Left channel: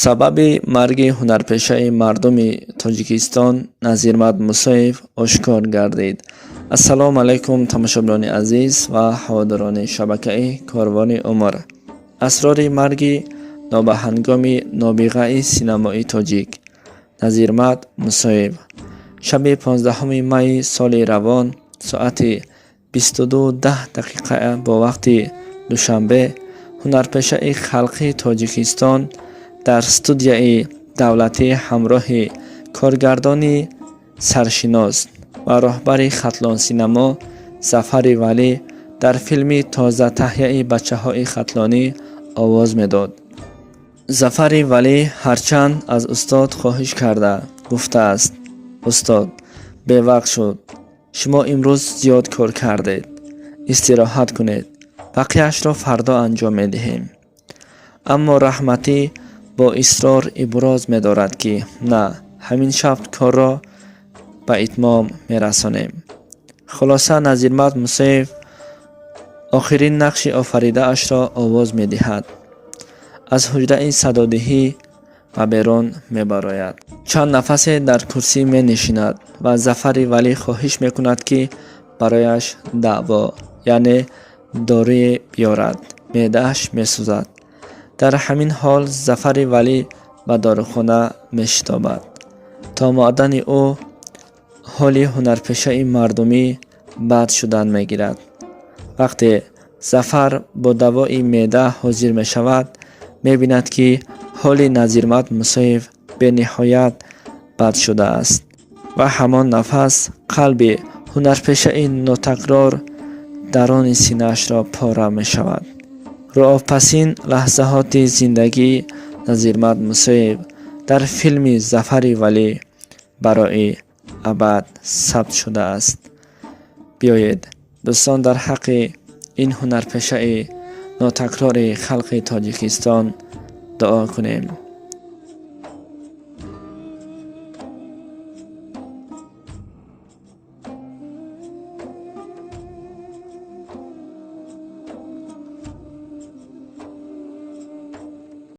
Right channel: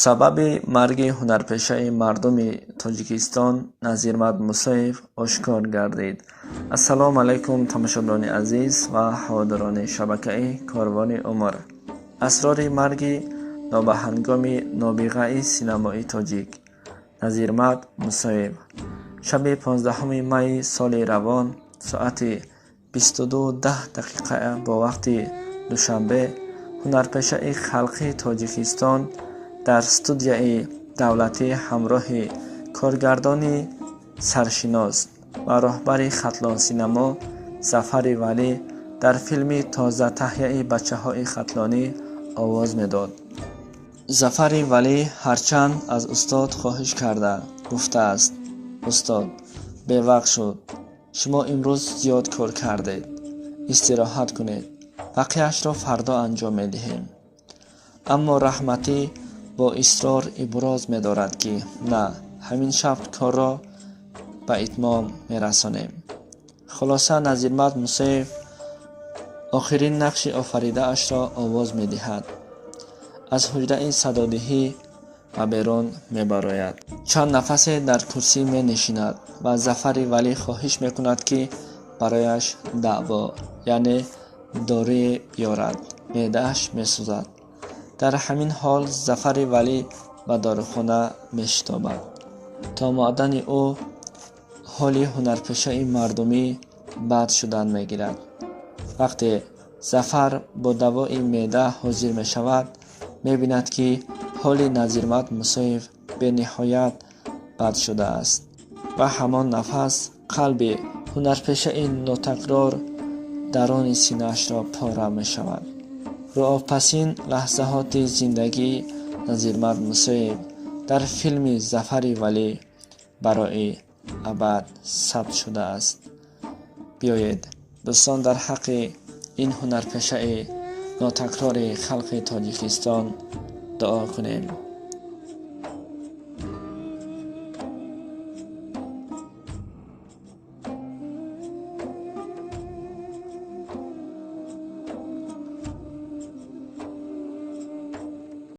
сабаби марги ҳунарпешаи мардуми Тоҷикистон Назирмат Мусоев ошкор гардид. Ассалому алайкум тамошобинони азиз ва ҳаводорони шабакаи Корвони Умр. Асрори марги нобаҳангоми нобиғаи синамои тоҷик Назирмат Мусоев. Шаби 15 майи соли равон соати 22:10 бо вақти душанбе ҳунарпешаи халқи Тоҷикистон дар студияи давлатӣ ҳамроҳи коргардони саршинос ва роҳбари хатлонсинамо Зафари Валӣ дар филми тозатаҳияи бачаҳои хатлонӣ овоз медод. Зафари Валӣ ҳарчанд аз устод хоҳиш карда гуфтааст: устод, бевақт шуд. Шумо имрӯз зиёд кор кардед. Истироҳат кунед. Бақияшро фардо анҷом медиҳем. Аммо Раҳматӣ бо исрор иброз медорад ки на, ҳамин шаб корро ба итмом мерасонем. Хулоса Назирмат Мусоев охирин нақши офаридаашро овоз медиҳад. Аз ҳуҷраи садодиҳӣ ба берун мебарояд. Чанд нафасе дар курсӣ менишинад ва Зафари Валӣ хоҳиш мекунад ки барояш даъво, яъне дорие биёрад. меъдааш месӯзад. Дар ҳамин ҳол Зафари Валӣ ба дорухона мешитобад. То муъаддани ӯ ҳоли ҳунарпешаи мардумӣ бад шудан мегирад. Вақте Зафар бо давои меъда ҳозир мешавад, мебинад ки ҳоли Назирмат Мусоев бениҳоят бад шудааст ва ҳамон нафас қалби ҳунарпешаи нотакрор дарони синаашро пора мешавад. руҳопасин лаҳзаҳоти зиндагии Назирмат Мусоев дар филми Зафари Валӣ барои абад сабт шудааст. биёед дӯстон дар ҳаққи ин ҳунарпешаи нотакрори халқи Тоҷикистон дуо кунем.